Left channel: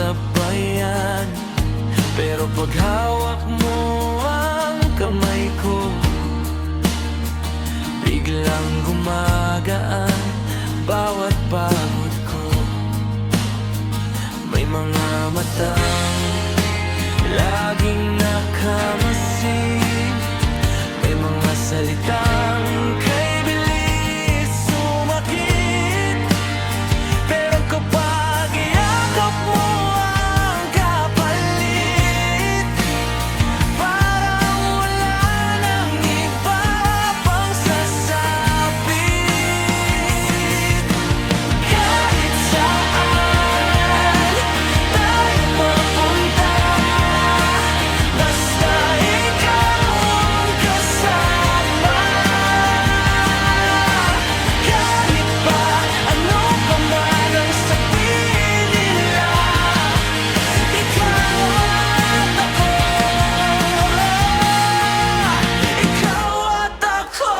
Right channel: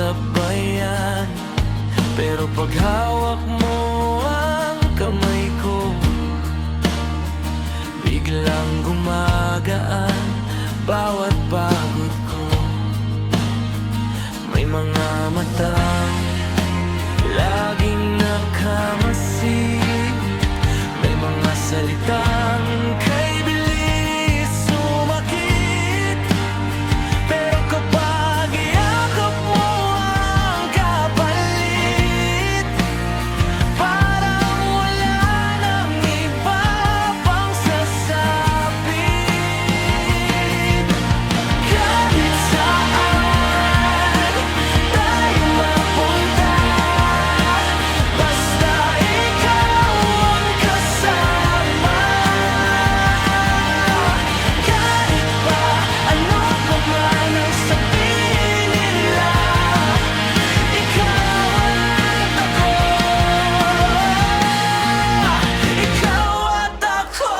sabayan. Pero pag hawak mo ang kamay ko, biglang gumagaan bawat pagod ko. May mga matang laging nakamasid, may mga salitang kay bilis sumakit. Pero kapag iyakap mo ang kapalit, parang wala nang iba pang sasapit. Kahit saan tayo mapunta, basta ikaw ang kasama. Kahit pa ano pa man ang sabihin nila, ikaw at ako, ikaw at ako,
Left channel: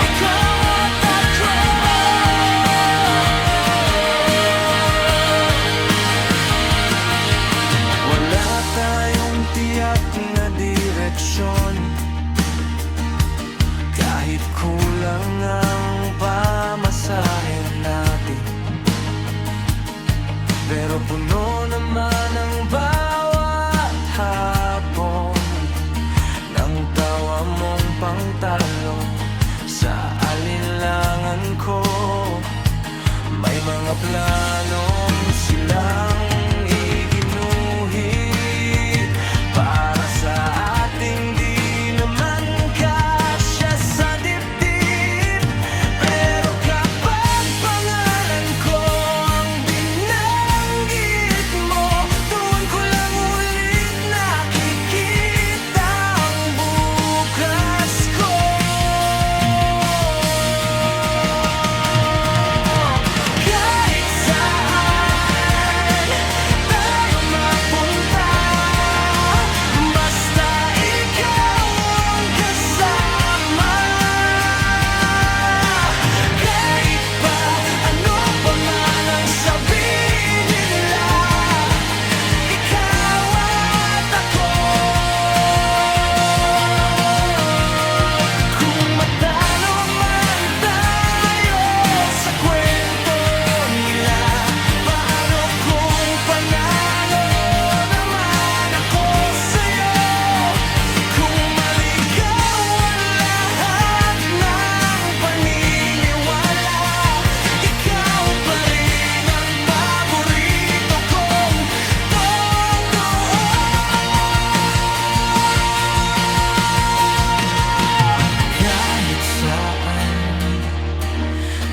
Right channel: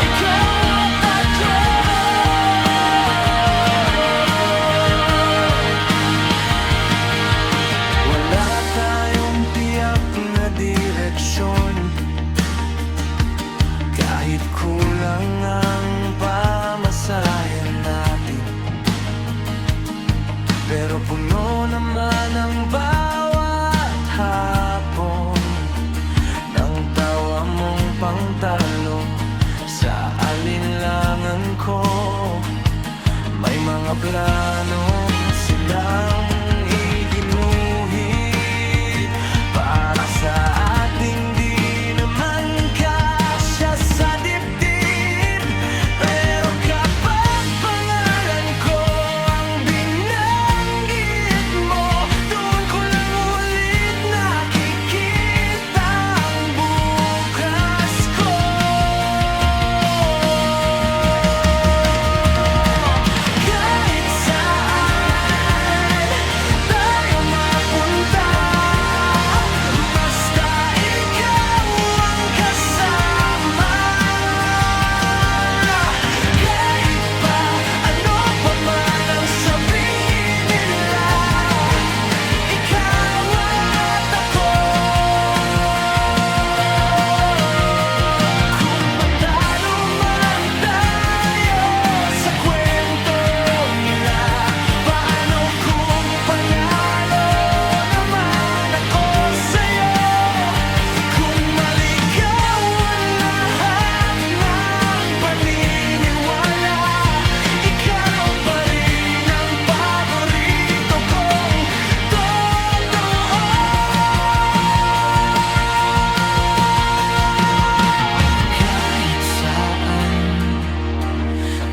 ikaw at ako. Wala tayong tiyak na direksyon, kahit kulang ang pamasahe natin. Pero puno naman ang bawat hapon ng tawa mong pangtalo sa alinlangan ko. May mga planong silang iginuhit para sa ating di naman kasya sa dibdib. Pero kapag pangalan ko ang binanggit mo, doon ko lang ulit nakikita ang bukas ko. Kahit saan tayo mapunta, basta ikaw ang kasama. Kahit pa ano pa man ang sabihin nila, ikaw at ako. Kung matalo man tayo sa kwento nila, paano kung panalo naman ako sa'yo? Kung maligawan lahat ng paniniwala, ikaw pa rin ang paborito kong totoo. Kahit saan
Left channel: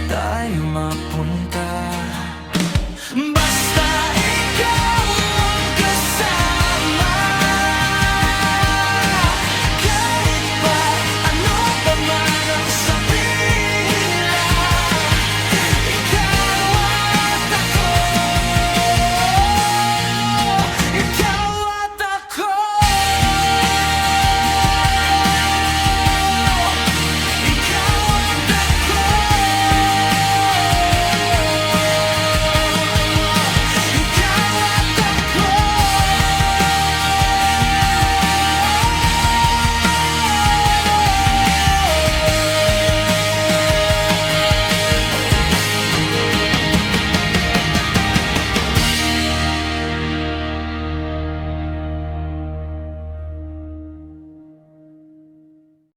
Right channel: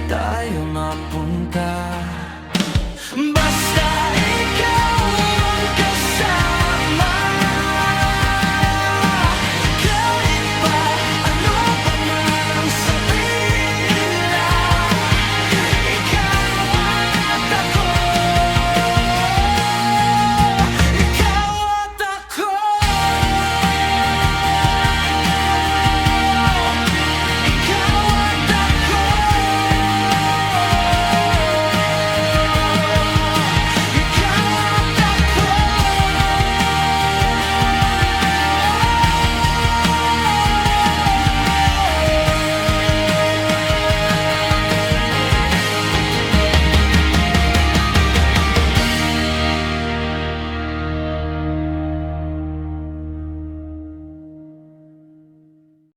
tayo mapunta, basta